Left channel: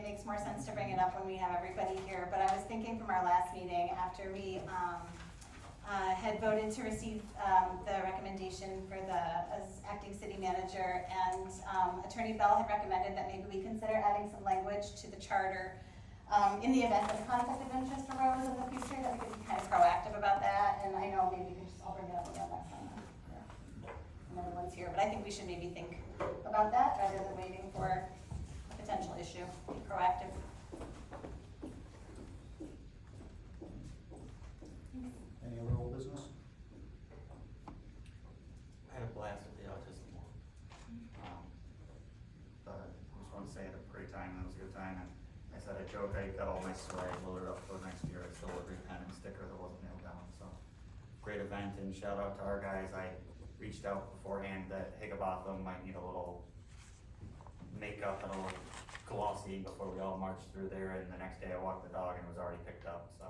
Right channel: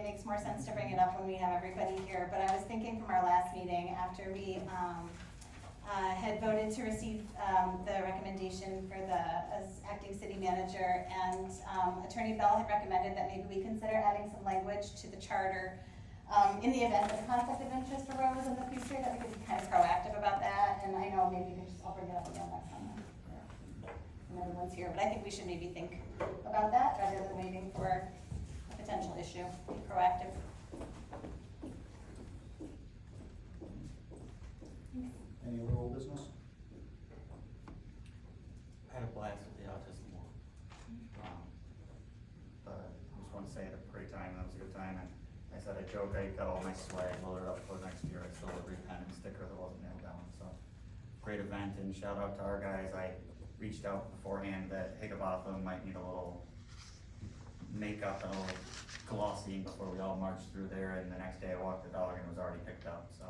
it makes more sense to bring it up when we have everybody here, but I was thinking from our last meeting, after we, had voted to receive, the recommendation for the, as acting city manager, and, Attorney Bell had recommended that maybe we consider adding some language to the charter, in the event that a conflict of interest arose in the future, that we could be kind of proactive about that, and I know maybe we could just, I'll bring it up again next time. When everyone's here, but I think we should maybe think about that rather than waiting for a potential issue, be proactive. Any other old business? I had a blast with the autism walk. But I just want to say I had a great time, and it was a good time, and I said I joke, I got all my swag loaded up for next year, I stole every pen and sticker that wasn't nailed down, so. Great event, and shout out to our guys, I reached out beforehand that Higginbotham might need a little makeup and a little glossing before we all marched through there, and the next day I walked the dog and it was already picked up, so.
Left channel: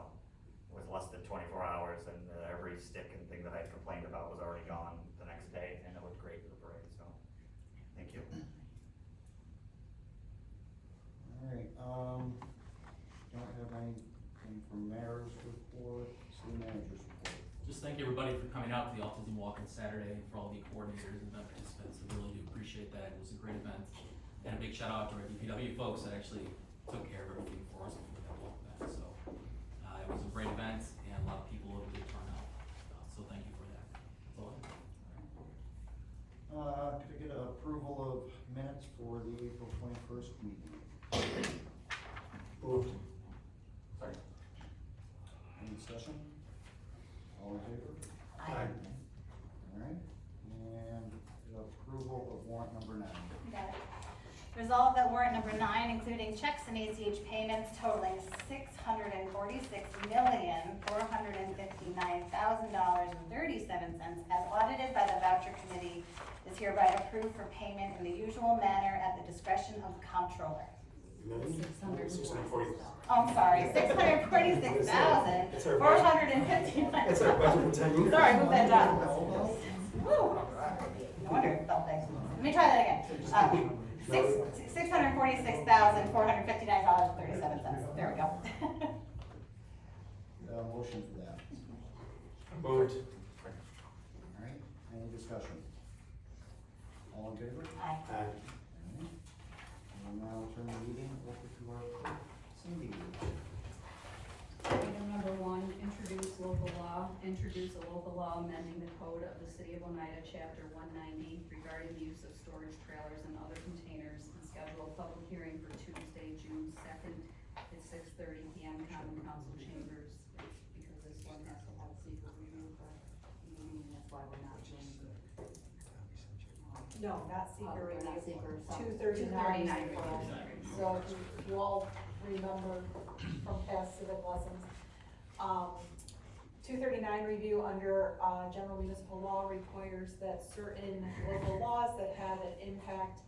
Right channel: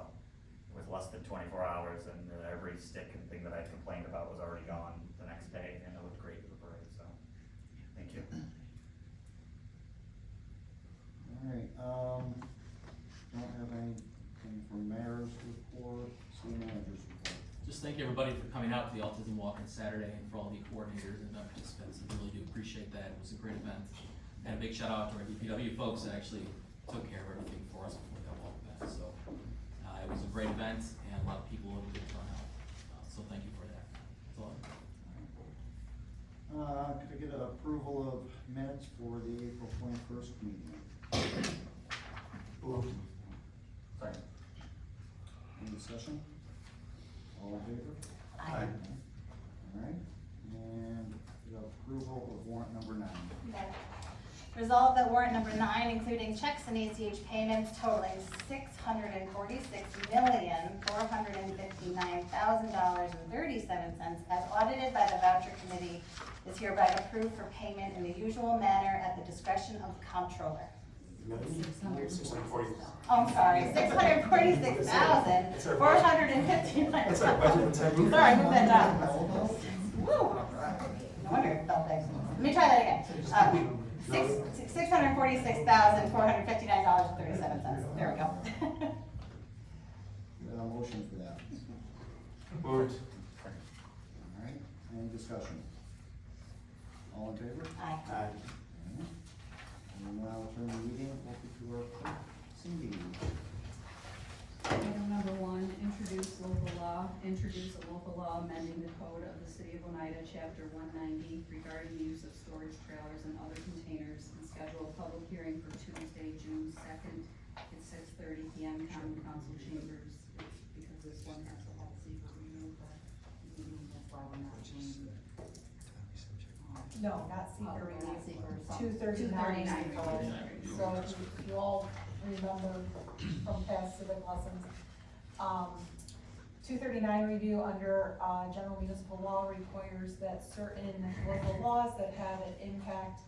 It was less than 24 hours, and every stick and thing that I complained about was already gone the next day, and it looked great with the parade, so, thank you. Alright, don't have anything from mayor's report, city manager's report. Just thank everybody for coming out to the Autism Walk on Saturday, and for all the coordinators and event participants. I really do appreciate that. It was a great event. And a big shout out to our DPW folks that actually took care of everything for us before that walk event. So, it was a great event, and a lot of people were able to turn out. So thank you for that. That's all I have. Could I get approval of minutes for the April 21st meeting? Moved. Second. Any discussion? All in favor? Aye. Alright, and the approval of warrant number 9. Okay. Resolve that warrant number 9, including checks and ACH payments totaling $646,459,000.37 as audited by the voucher committee is hereby approved for payment in the usual manner at the discretion of the comptroller. 640. Oh, I'm sorry, $646,459. That's our budget for 10 years. Sorry, move that down. Woo. No wonder it felt big. Let me try that again. $646,459.37. There we go. A motion for that. Moved. Alright, any discussion? All in favor? Aye. Aye. And we'll now turn the meeting over to our clerk, Cindy. Item number 1, introduce a local law amending the code of the city of Oneida, chapter 190, regarding the use of storage trailers and other containers, and schedule a public hearing for Tuesday, June 2nd at 6:30 PM, common council chambers. It's because this one has to have secret removed, meeting, that's why we're not doing. No, not seeker review. Not seeker, so 239. 239. So if you all remember from past civic lessons, 239 review under, general municipal law requires that certain local laws that have an impact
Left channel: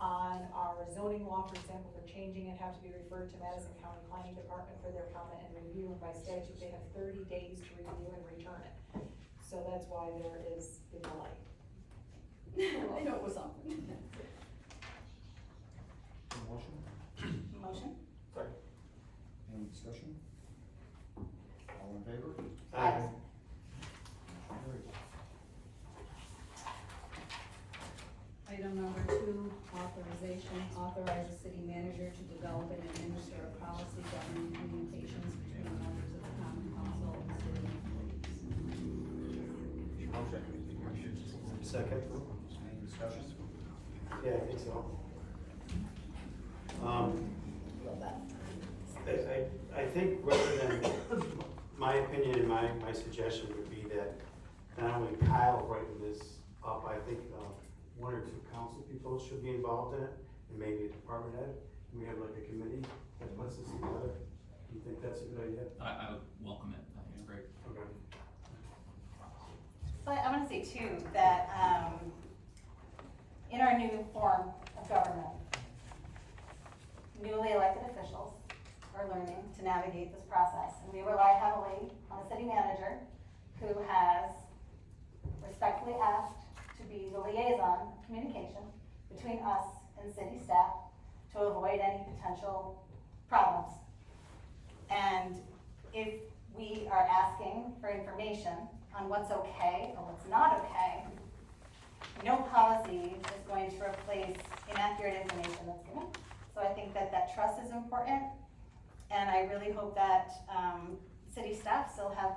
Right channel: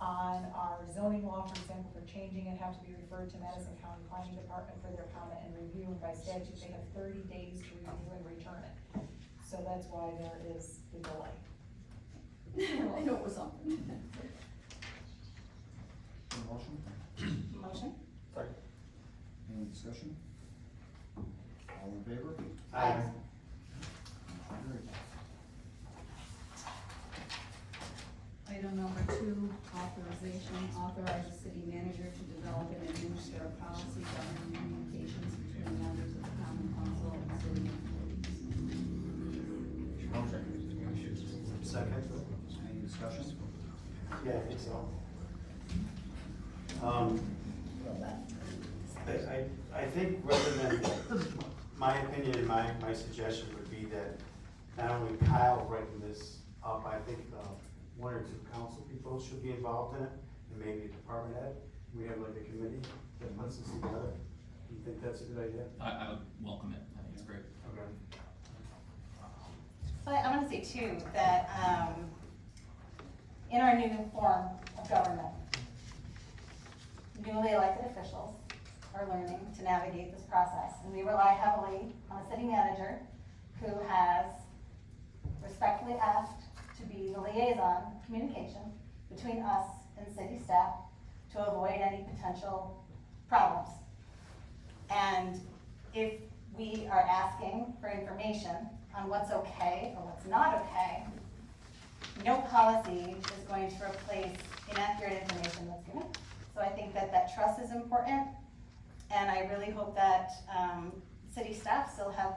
on our zoning law, for example, for changing it, have to be referred to Madison County Planning Department for their comment and review, and by statute, they have 30 days to review and return it. So that's why there is the delay. I know it was something. Motion? Motion? Second. Any discussion? All in favor? Aye. Motion carries. Item number 2, authorization, authorize the city manager to develop and administer a policy governing communications between members of the common council and city employees. Motion. Second. Any discussion? Yeah, I think so. I think rather than, my opinion and my suggestion would be that not only Kyle writing this up, I think, 1 or 2 council people should be involved in it, and maybe a department head. We have like a committee that puts this together. Do you think that's a good idea? I would welcome it. I think it's great. Okay. So I want to say too, that, in our new form of government, newly elected officials are learning to navigate this process, and we rely heavily on a city manager who has respectfully asked to be the liaison communication between us and city staff to avoid any potential problems. And if we are asking for information on what's okay or what's not okay, no policy is going to replace inaccurate information that's given. So I think that that trust is important, and I really hope that city staff still have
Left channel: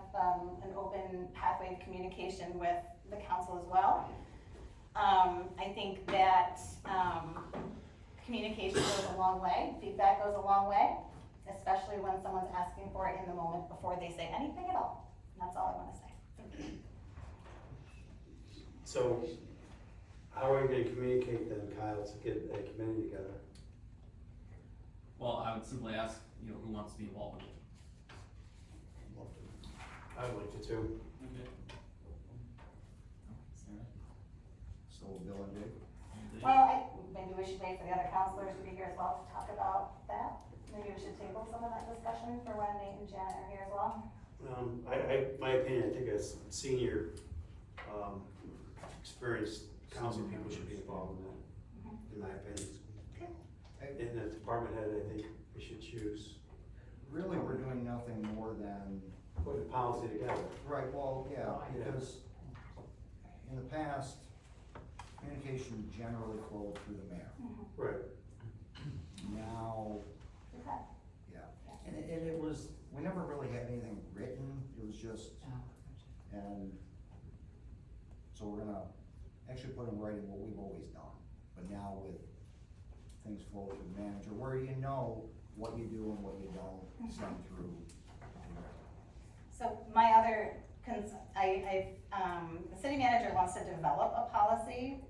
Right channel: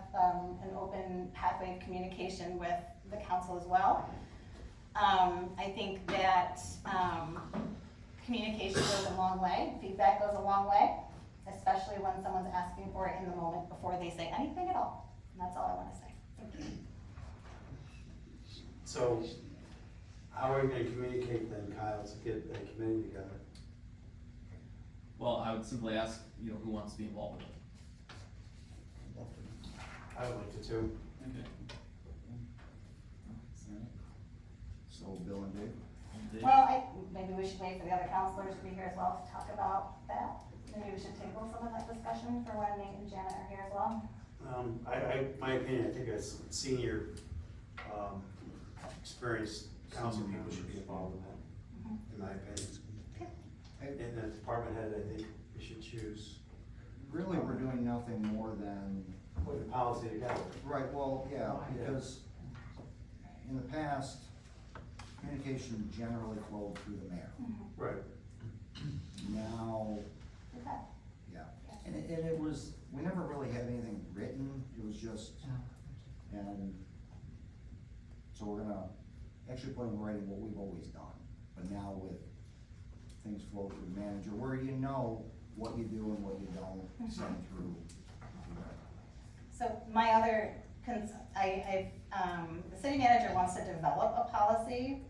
an open pathway of communication with the council as well. I think that communication goes a long way, feedback goes a long way, especially when someone's asking for it in the moment before they say anything at all. And that's all I wanna say. Thank you. So, how are we gonna communicate then, Kyle, to get a committee together? Well, I would simply ask, who wants to be involved with it? I would like to too. So Bill and Dave? Well, maybe we should wait for the other counselors to be here as well to talk about that. Maybe we should table some of that discussion for when Nate and Janet are here as well. My opinion, I think as senior, experienced council people should be involved in that, in my opinion. In the department head, I think we should choose. Really, we're doing nothing more than, Put the policy together. right, well, yeah, because in the past, communication generally flowed through the mayor. Right. Now, Okay. yeah, and it was, we never really had anything written, it was just, and so we're gonna actually put in writing what we've always done, but now with things flow through the manager, where you know what you do and what you don't send through. So my other the city manager wants to develop a policy,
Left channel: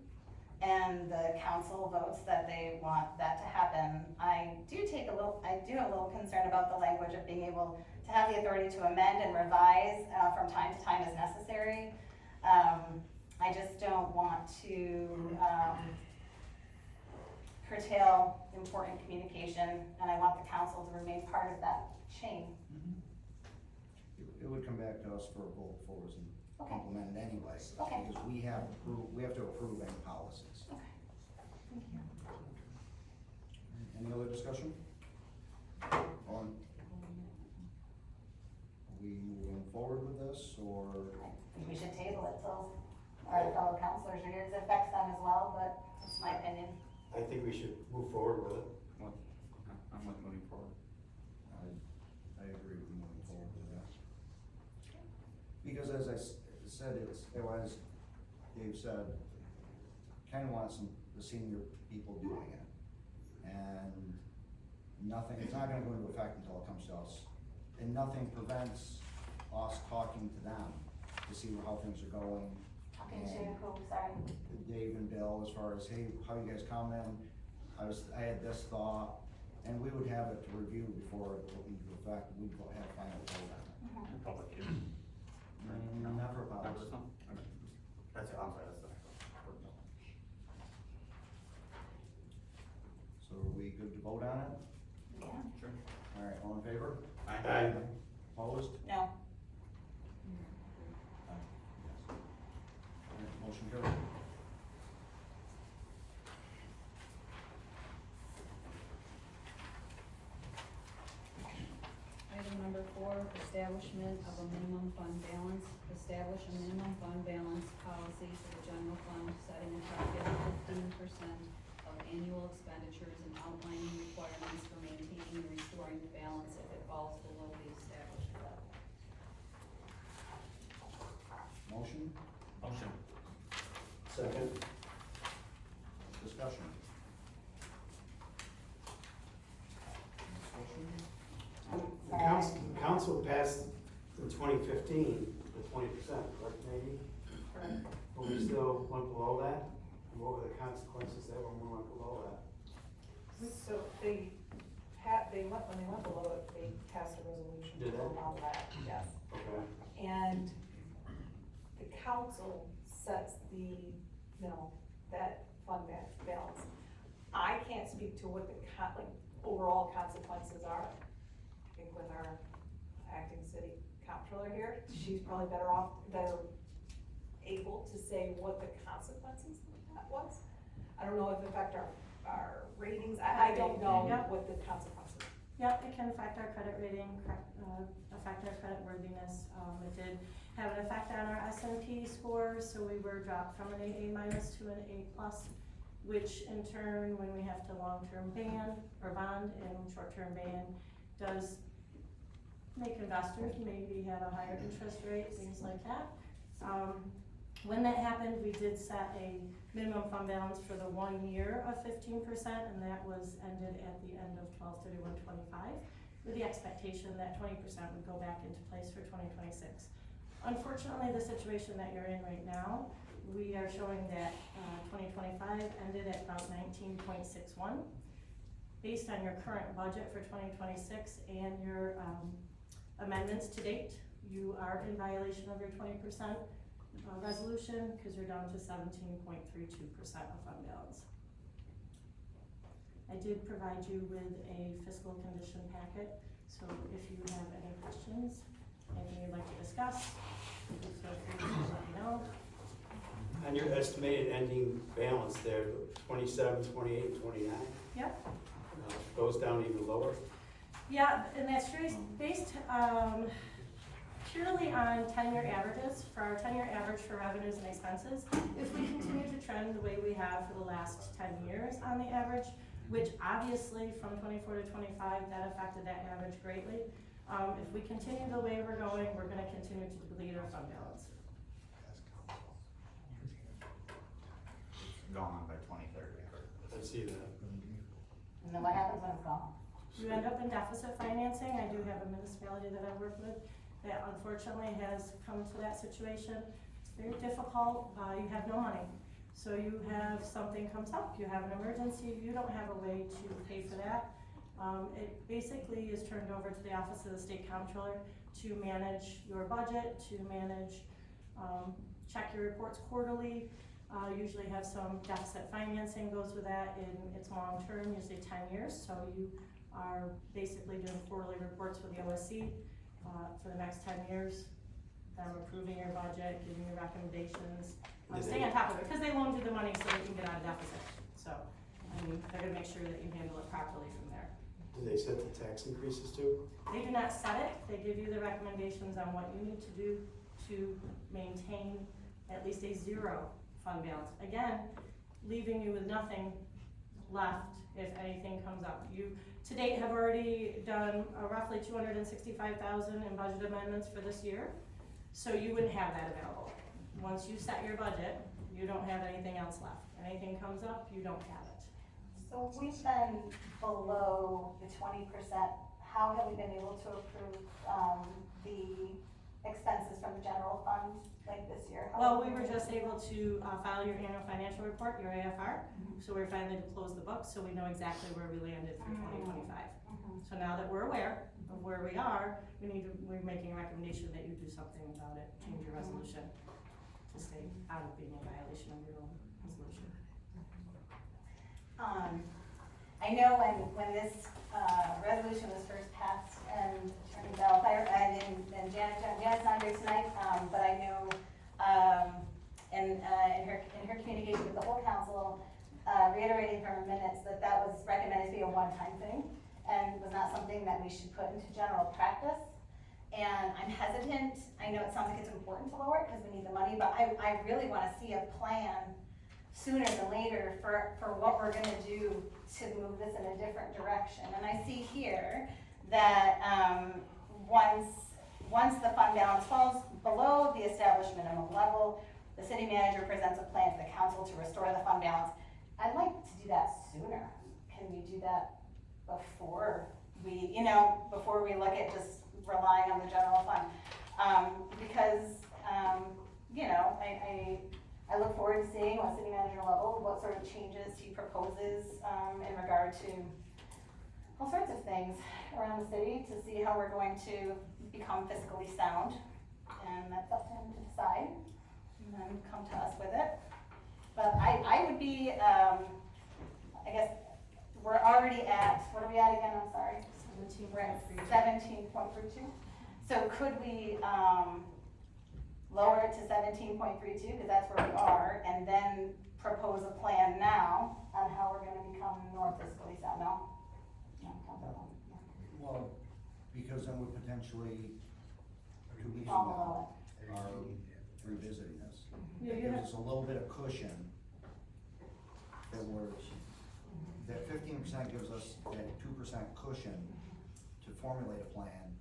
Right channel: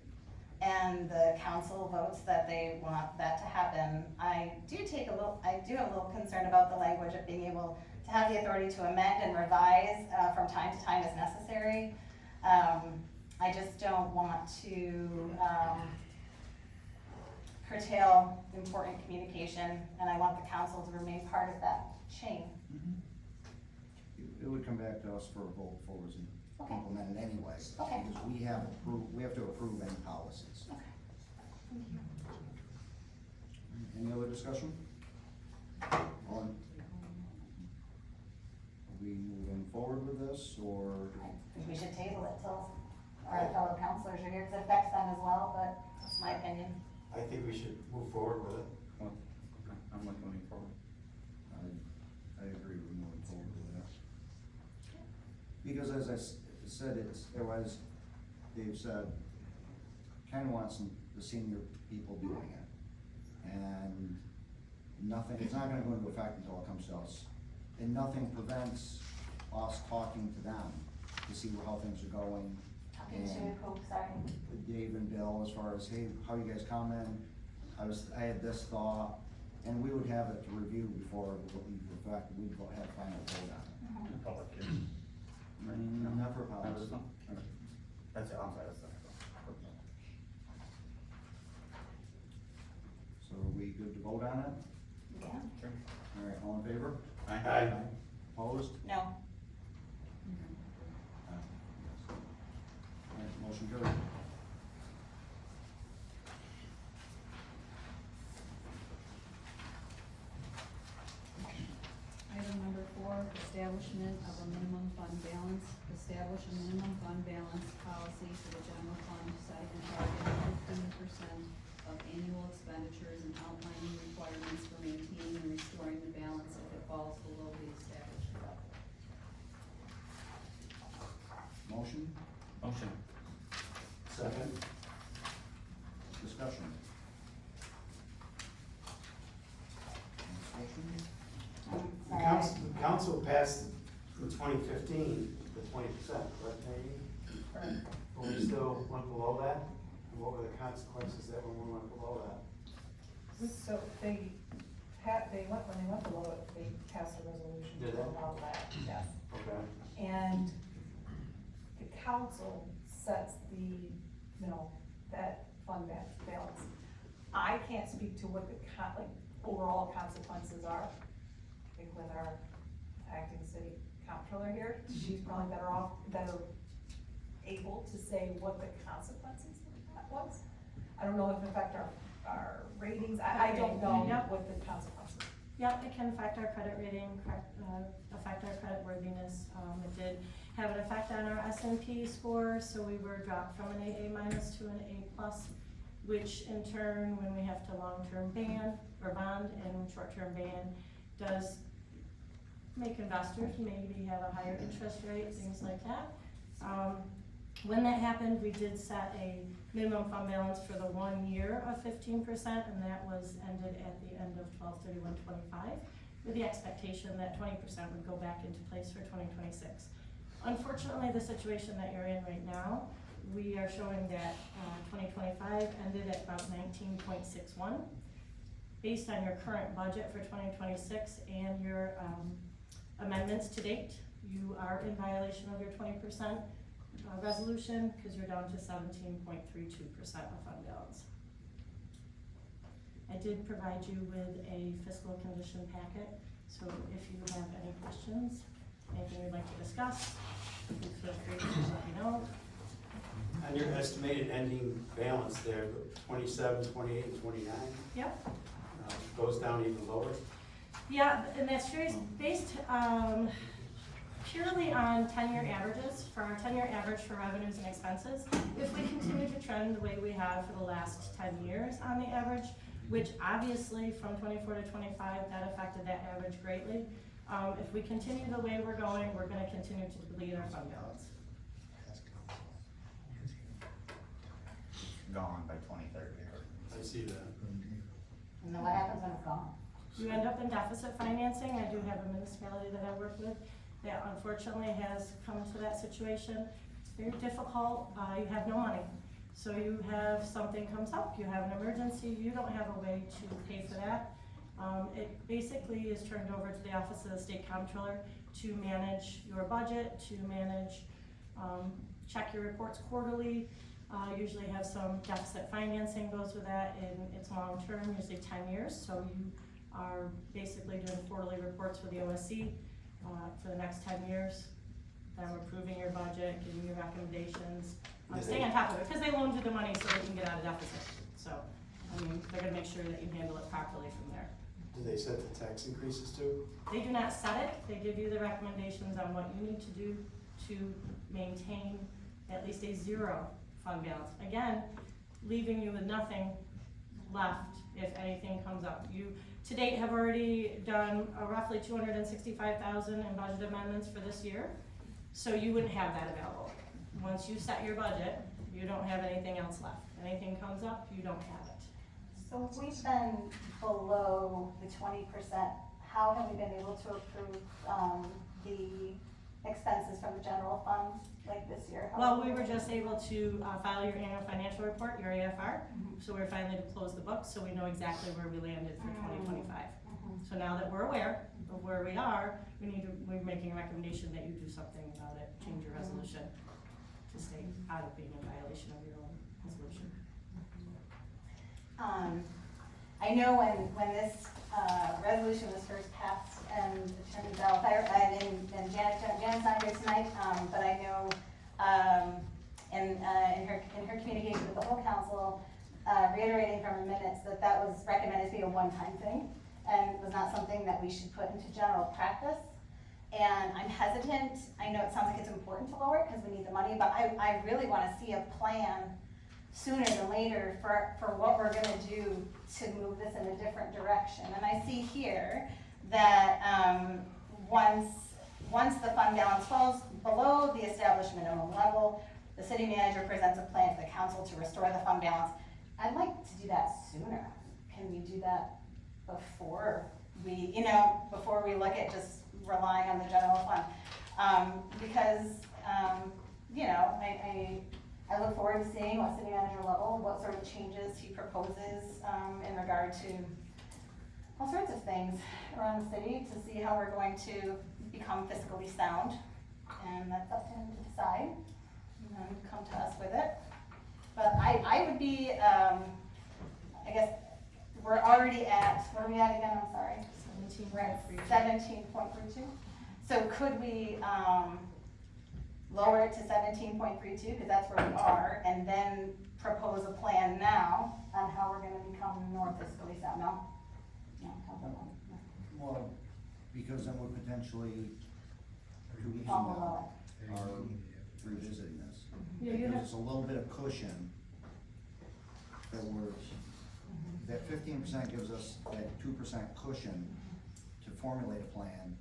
and the council votes that they want that to happen. I do have a little concern about the language of being able to have the authority to amend and revise from time to time as necessary. I just don't want to curtail important communication, and I want the council to remain part of that chain. It would come back to us for a vote for us and Okay. implement it anyway. Okay. Because we have to approve any policies. Okay. Thank you. Any other discussion? Are we moving forward with this, or? I think we should table it till our fellow counselors are here, because it affects them as well, but that's my opinion. I think we should move forward with it. I'm looking forward. I agree with moving forward with that. Because as I said, as Dave said, Ken wants the senior people doing it. And it's not gonna go into effect until it comes to us. And nothing prevents us talking to them to see how things are going. Talking to who, sorry? Dave and Bill, as far as, hey, how you guys coming? I had this thought, and we would have it to review before it went into effect, we'd have final vote on it. Public hearing. Not for policy. That's it, I'm sorry, that's it. So are we good to vote on it? Yeah. Sure. All right, all in favor? Aye. Opposed? No. All right, motion carried. Item number 4, establishment of a minimum fund balance. Establish a minimum fund balance policy for the general fund, setting a target of 15% of annual expenditures and outlining requirements for maintaining and restoring the balance if it falls below the established level. Motion, Motion. Second. discussion. The council passed in 2015, the 20%, right, maybe? But we still went below that? What were the consequences that when we went below that? So when they went below it, they passed a resolution Did to they? allow that, yes. Okay. And the council sets that fund balance. I can't speak to what the overall consequences are. I think with our acting city comptroller here, she's probably better able to say what the consequences of that was. I don't know if it affect our our ratings, I don't know Yep. what the consequences. Yep, it can affect our credit rating, affect our credit worthiness. It did have an effect on our S&P score, so we were dropped from an AA minus to an A plus, which in turn, when we have to long-term ban or bond and short-term ban, does make investors maybe have a higher interest rate, things like that. When that happened, we did set a minimum fund balance for the 1 year of 15%, and that was ended at the end of 12/31/25, with the expectation that 20% would go back into place for 2026. Unfortunately, the situation that you're in right now, we are showing that 2025 ended at about 19.61. Based on your current budget for 2026 and your amendments to date, you are in violation of your 20% resolution, because you're down to 17.32% of fund balance. I did provide you with a fiscal condition packet, so if you have any questions, anything you'd like to discuss, please feel free to let me know. On your estimated ending balance there, 27, 28, and 29, Yep. Goes down even lower. Yeah, and that's based purely on 10-year averages. For our 10-year average for revenues and expenses, if we continue to trend the way we have for the last 10 years on the average, which obviously from 24 to 25, that affected that average greatly. If we continue the way we're going, we're gonna continue to deplete our fund balance. Gone by 2030. I see that. And then what happens when it's gone? You end up in deficit financing. I do have a municipality that I work with that unfortunately has come to that situation. It's very difficult, you have no money. So you have, something comes up, you have an emergency, you don't have a way to pay for that. It basically is turned over to the Office of the State Comptroller to manage your budget, to manage, check your reports quarterly, usually have some deficit financing goes with that, and it's long-term, usually 10 years, so you are basically doing quarterly reports with the OSC for the next 10 years, them approving your budget, giving you recommendations, staying on top of it, because they loaned you the money so that you can get out of deficit. So, I mean, they're gonna make sure that you handle it properly from there. Do they set the tax increases too? They do not set it, they give you the recommendations on what you need to do to maintain at least a zero fund balance. Again, leaving you with nothing left if anything comes up. You, to date, have already done roughly 265,000 in budget amendments for this year, so you wouldn't have that available. Once you set your budget, you don't have anything else left. Anything comes up, you don't have it. So if we've been below the 20%, how have we been able to approve, the expenses from the general fund like this year? Well, we were just able to file your annual financial report, your AFR, so we're finally to close the books, so we know exactly where we landed for 2025. So now that we're aware of where we are, we're making a recommendation that you do something about it, change your resolution to stay out of being in violation of your own resolution. I know when this, resolution was first passed, and Attorney Bell, and Janet's not here tonight, but I know, in her communication with the whole council, reiterating from her minutes that was recommended to be a one-time thing, and was not something that we should put into general practice. And I'm hesitant, I know it sounds like it's important to lower it because we need the money, but I really wanna see a plan sooner than later for what we're gonna do to move this in a different direction. And I see here that, once the fund balance falls below the established minimum level, the city manager presents a plan to the council to restore the fund balance. I'd like to do that sooner. Can we do that before before we look at just relying on the general fund? Because, I look forward to seeing what city manager level, what sort of changes he proposes, in regard to all sorts of things around the city to see how we're going to become fiscally sound. And that's up to him to decide and then come to us with it. But I would be, I guess, we're already at, what are we at again, I'm sorry? 17. We're at 17.32. So could we, lower it to 17.32, because that's where we are, and then propose a plan now on how we're gonna become more fiscally sound, no? No, Councilwoman. Well, because then we potentially, 2 weeks from Fall now, below are revisiting this. Yeah, It you gives have- us a little bit of cushion that 15% gives us that 2% cushion to formulate a plan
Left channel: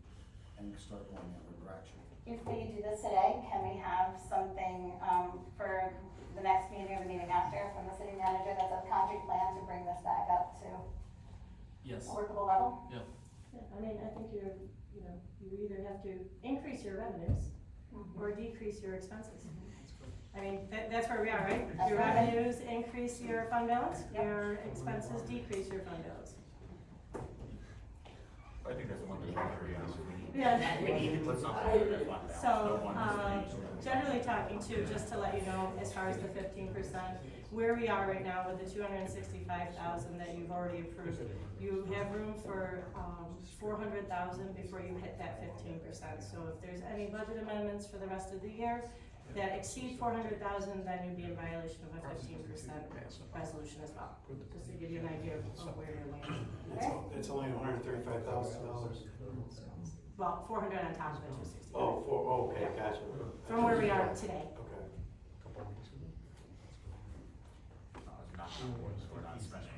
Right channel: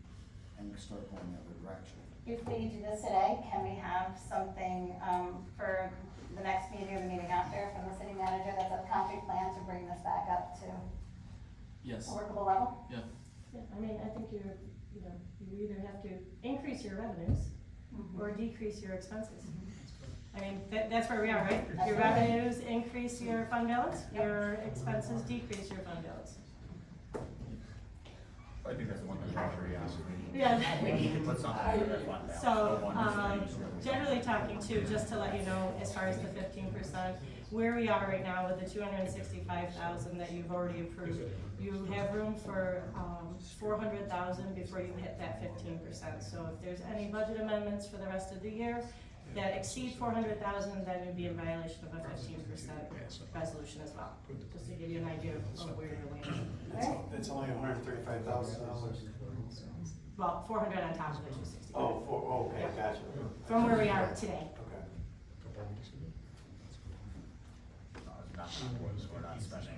and start going in that direction. If we do this today, can we have something, for the next meeting or the meeting after from the city manager that's a concrete plan to bring this back up to Yes, a workable level? yep. Yeah, I mean, I think you either have to increase your revenues or decrease your expenses. I mean, that's where we are, right? That's Your right. revenues increase your fund balance, Yep. your expenses decrease your fund balance. I think that's one thing we should be honest. Yeah. We need to put something in the fund balance. So, Don't want this thing. generally talking too, just to let you know, as far as the 15%, where we are right now with the 265,000 that you've already approved, you have room for, 400,000 before you hit that 15%. So if there's any budget amendments for the rest of the year that exceed 400,000, then you'd be in violation of a 15% resolution as well, just to give you an idea of where you're landing. That's only $135,000. Well, 400 on top of the 265. Okay, gotcha. From where we are today. Okay. We're not spending it.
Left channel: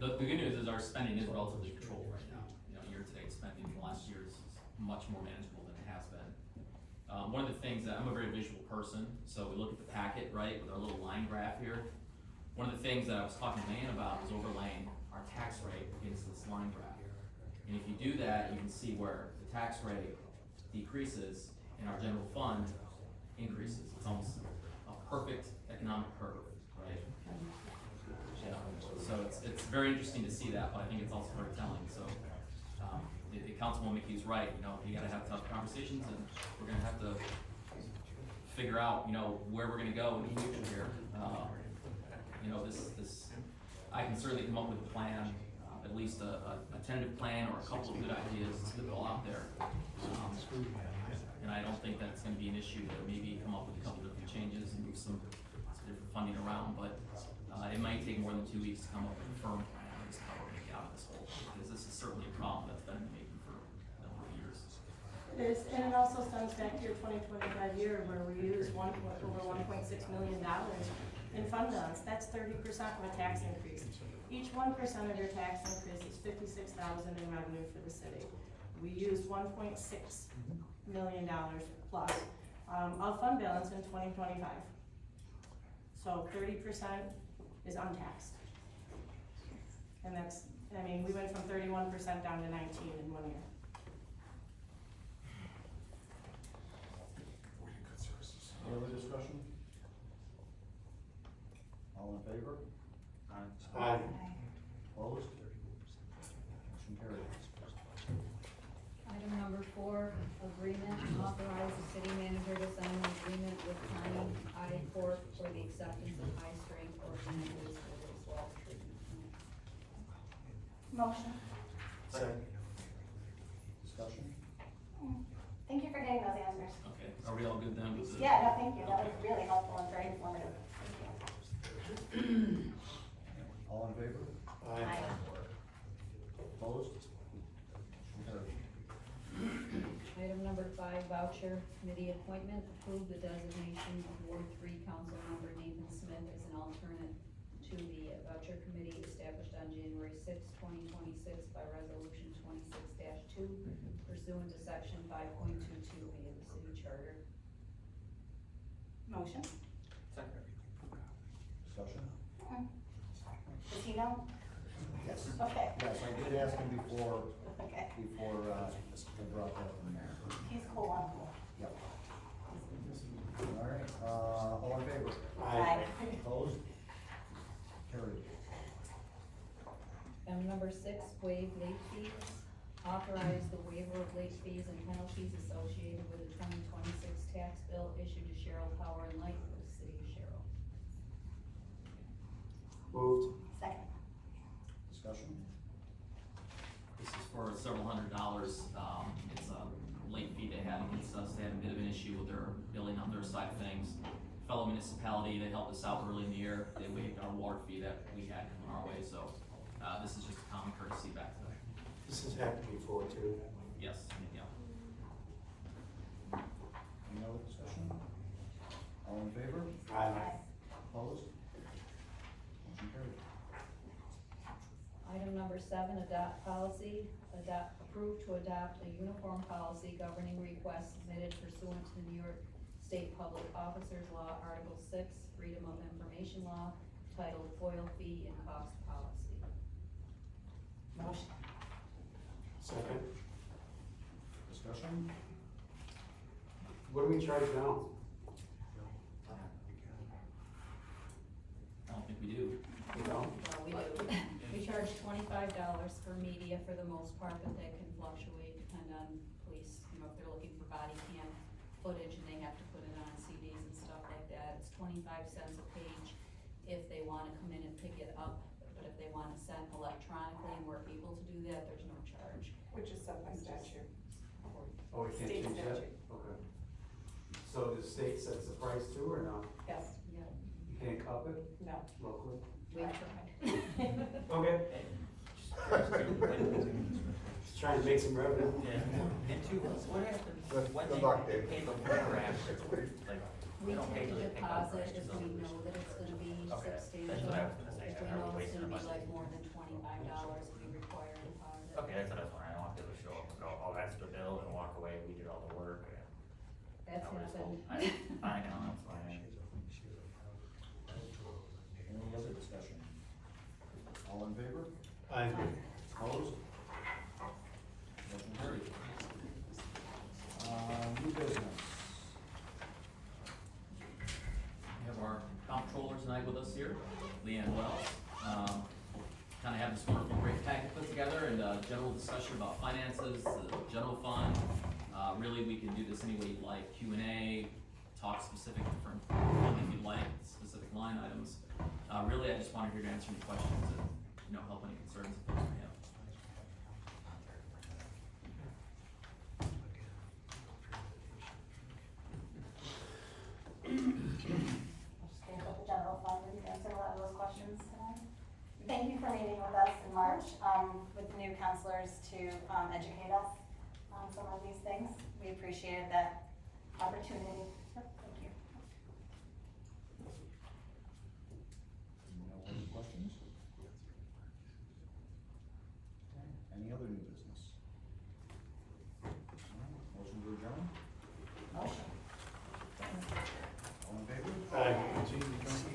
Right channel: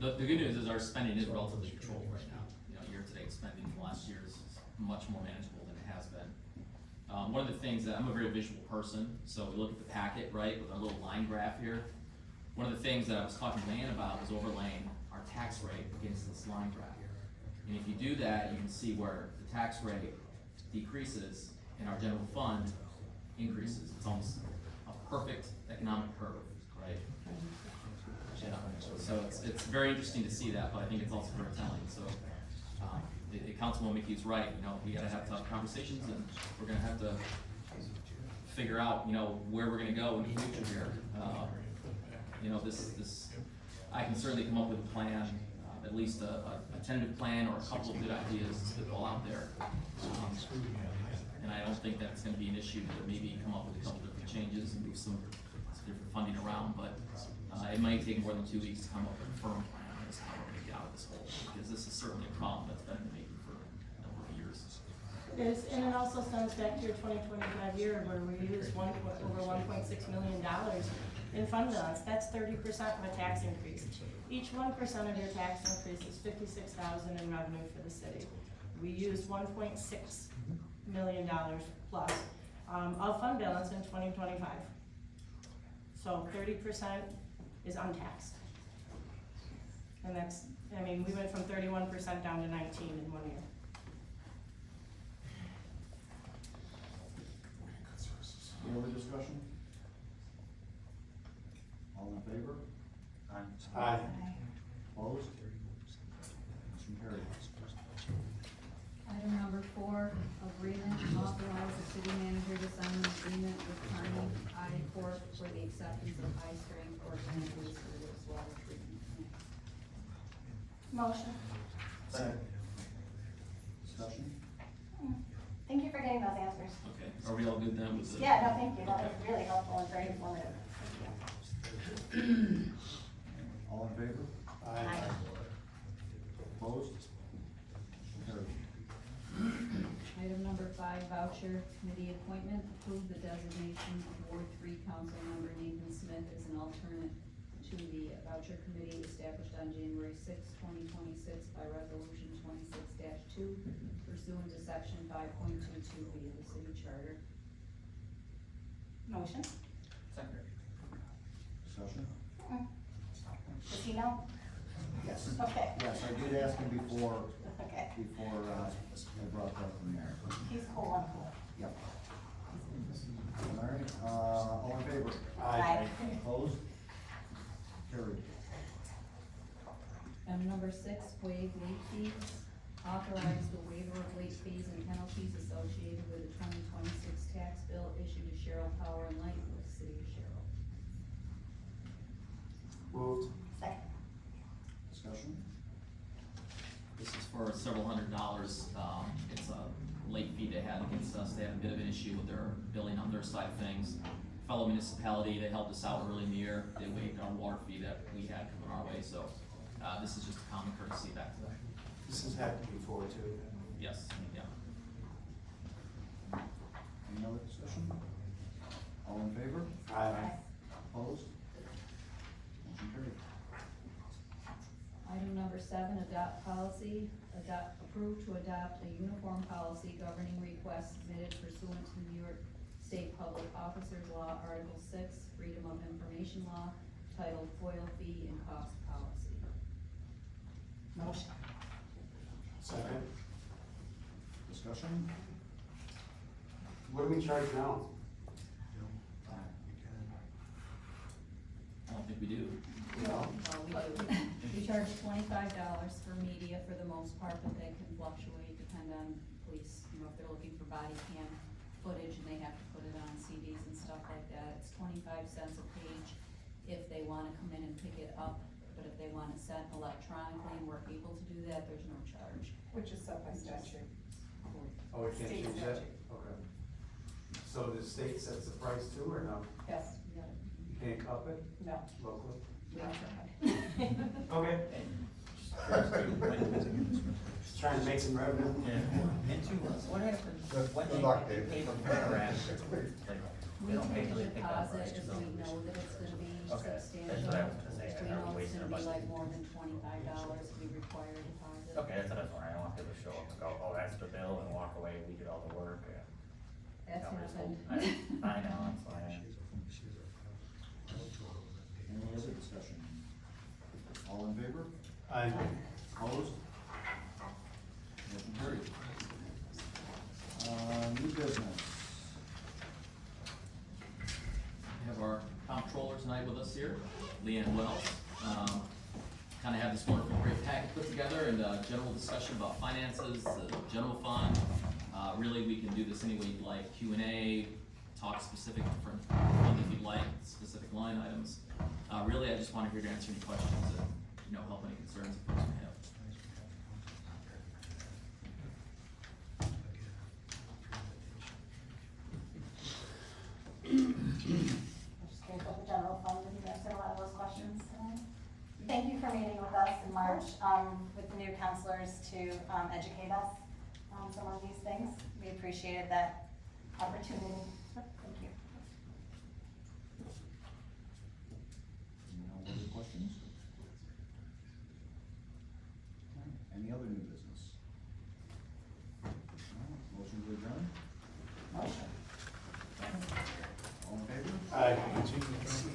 The good news is our spending is relatively controlled right now. You know, year-to-date spending from last year is much more manageable than it has been. One of the things that, I'm a very visual person, so we look at the packet, right, with our little line graph here. One of the things that I was talking to Diane about was overlaying our tax rate against this line graph. And if you do that, you can see where the tax rate decreases and our general fund increases. It's almost a perfect economic curve, right? Yeah, so it's very interesting to see that, but I think it's also very telling, so, Councilwoman Mickey's right, you know, you gotta have tough conversations, and we're gonna have to figure out, you know, where we're gonna go in the future here. You know, I can certainly come up with a plan, at least a tentative plan or a couple of good ideas to spitball out there. And I don't think that's gonna be an issue to maybe come up with a couple different changes and move some different funding around, but it might take more than 2 weeks to come up with a firm plan as to how we're gonna get out of this hole, because this is certainly a problem that's been in the making for a number of years. And it also stems back to your 2025 year where we used over $1.6 million in fund balance. That's 30% of a tax increase. Each 1% of your tax increase is $56,000 in revenue for the city. We used $1.6 million plus of fund balance in 2025. So 30% is untaxed. And that's, I mean, we went from 31% down to 19 in 1 year. Any other discussion? All in favor? Aye. Opposed? Motion carried. Item number 4, agreement to authorize the city manager to sign an agreement with Connie I Corp. For the acceptance of high-strength organic waste for wastewater treatment. Motion. Second. Discussion? Thank you for getting those answers. Okay, are we all good then with the? Yeah, no, thank you, that was really helpful and very informative. Thank you. All in favor? Aye. Opposed? Motion carried. Item number 5, voucher committee appointment, approve the designation of Ward 3 council member Nathan Smith as an alternate to the voucher committee established on January 6, 2026 by resolution 26-2 pursuant to section 5.22B of the city charter. Motion. Second. Discussion? Does he know? Yes. Okay. Yes, I did ask him before, Okay. I brought that in there. He's cool, I'm cool. Yep. All right, all in favor? Aye. Opposed? Carried. Item number 6, waive late fees, authorize the waiver of late fees and penalties associated with the 2026 tax bill issued to Cheryl Power and Light of the city of Cheryl. Moved. Second. Discussion? This is for several $100s, it's a late fee they had against process. They had a bit of an issue with their billing on their side of things. Fellow municipality, they helped us out early in the year. They waived our water fee that we had coming our way, so, this is just a common courtesy back to them. This has happened before too. Yes, yeah. Any other discussion? All in favor? Aye. Opposed? Motion carried. Item number 7, adopt policy, approve to adopt a uniform policy governing requests submitted pursuant to the New York State Public Officers Law, Article 6, Freedom of Information Law, titled FOIL Fee and Cost Policy. Motion. Second. Discussion? What do we charge now? I don't think we do. Well, we do. We charge $25 for media for the most part, but that can fluctuate, depend on police, you know, if they're looking for body cam footage and they have to put it on CDs and stuff like that. It's 25 cents a page if they wanna come in and pick it up, but if they want it sent electronically and we're able to do that, there's no charge. Which is set by statute. Oh, we can't State change that? statute. Okay. So the state sets the price too, or no? Yes, Yeah, You can't up it no. locally? we tried. Okay. Just trying to make some revenue. And two, what happens when Good they luck, Dave. pay before or after? Like, We they don't pay take till a they pick up, right? deposit if we know that it's gonna be Okay, that's substantial. what I was gonna say. If we Are we know it's wasting gonna our be budget? like more than $25, we require a deposit. Okay, that's what I was wondering, I don't want people to show up and go, oh, that's the bill, and walk away, we did all the work. That's No, it's happened. cool. I know, that's why. Any other discussion? All in favor? Aye. Opposed? Motion carried. New business. We have our comptroller tonight with us here, Leanne Wells. Kind of have this wonderful great packet put together and a general discussion about finances, the general fund. Really, we can do this any way you like, Q&A, talk specific different fund if you'd like, specific line items. Really, I just wanted here to answer any questions and, you know, help any concerns if folks may have. Just curious about the general fund, and you answered a lot of those questions tonight. Thank you for meeting with us in March, with the new counselors to, educate us on some of these things. We appreciated that opportunity, so thank you. No other questions? Any other new business? No? Motion to adjourn? Motion. All in favor? Aye.